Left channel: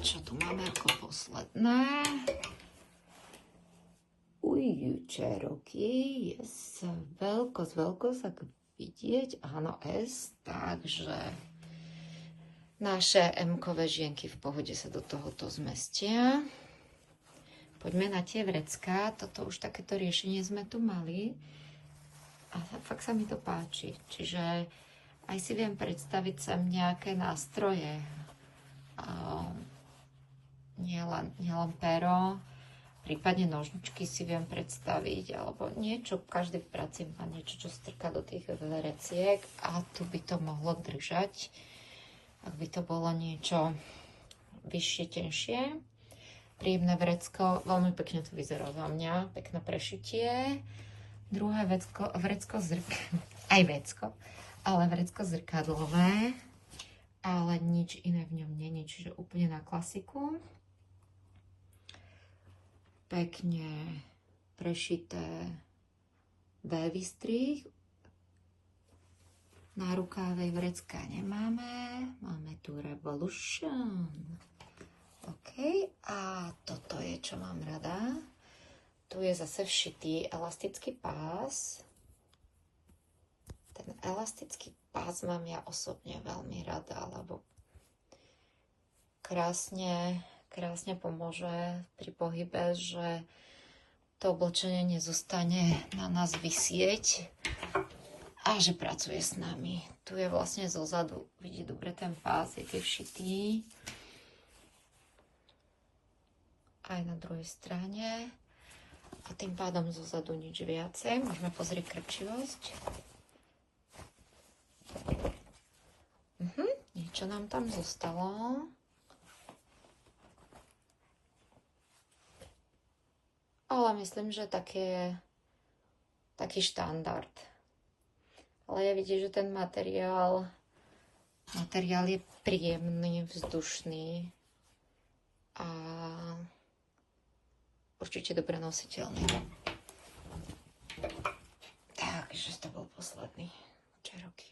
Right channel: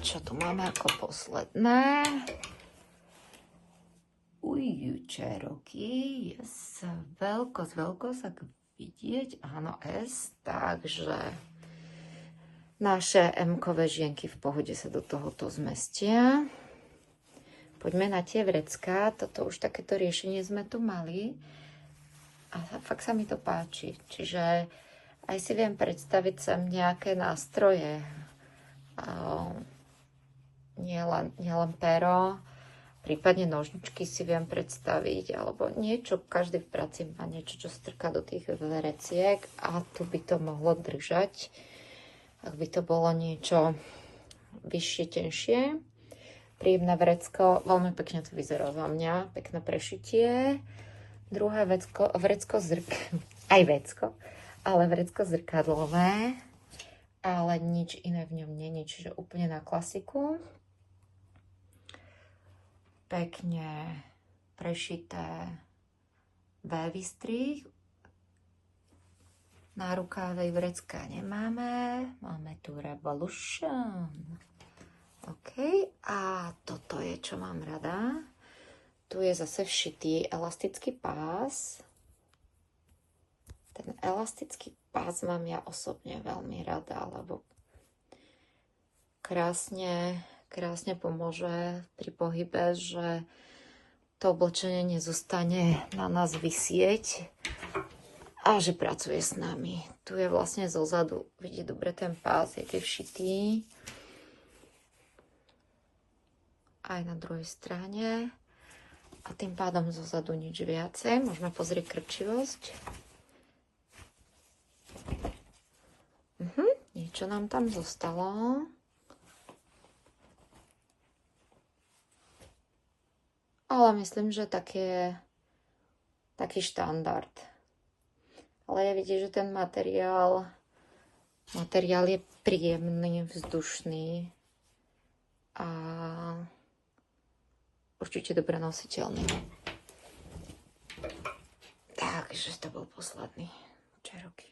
čo tu máme ako posledné? Cherokee, yes. Veľkosť, ako vidieť, áno, S, takže naše M-kové žienky v pohode sa do tohoto zmestia. Poďme na tie vrecká, toto už takéto riešenie sme tu mali, ale fakt sa mi to páči, čiže aj si viem predstaviť sem nejaké nástroje, nielen pero, prípadne nožničky si viem predstaviť, alebo niečo, každý v práci má niečo, čo strká do tých vereciek a tu by to mohlo držať, ak by to bolo niečo vyššie, tenšie. Príjemné vrecko, veľmi pekne to vyzeralo na mňa, pekné prešitie. Druhé vrecko aj vecko, ale vrecko zrkadlové, ale nič iné v ňom nie, čiže úplne na klasiku. Pekne prešité V-strih. Na rukávej vrecká nemáme. Máme tu Revolution. OK. A toto je, čo mám rada. Tu je zase všitý elastický pás. Ten elastický pás mám ja osobne veľmi rada, lebo krásne pomôže pri pohybe, že to oblečenie nezostane na nás visieť a že pracuje s nami. Tu je vlastne zozadu, vidíte dobre ten pás, je všitý. Aj na druhej strane. A tým pádom zozadu nič viacej. Môžeme pozrieť krčivosť. Niečo nám tam zostalo. Ale myslím, že taký štandard. Ale ja vidím, že ten materiál je príjemný, vzdušný a určite dobre nositeľný. Takže to bol posledný Cherokee.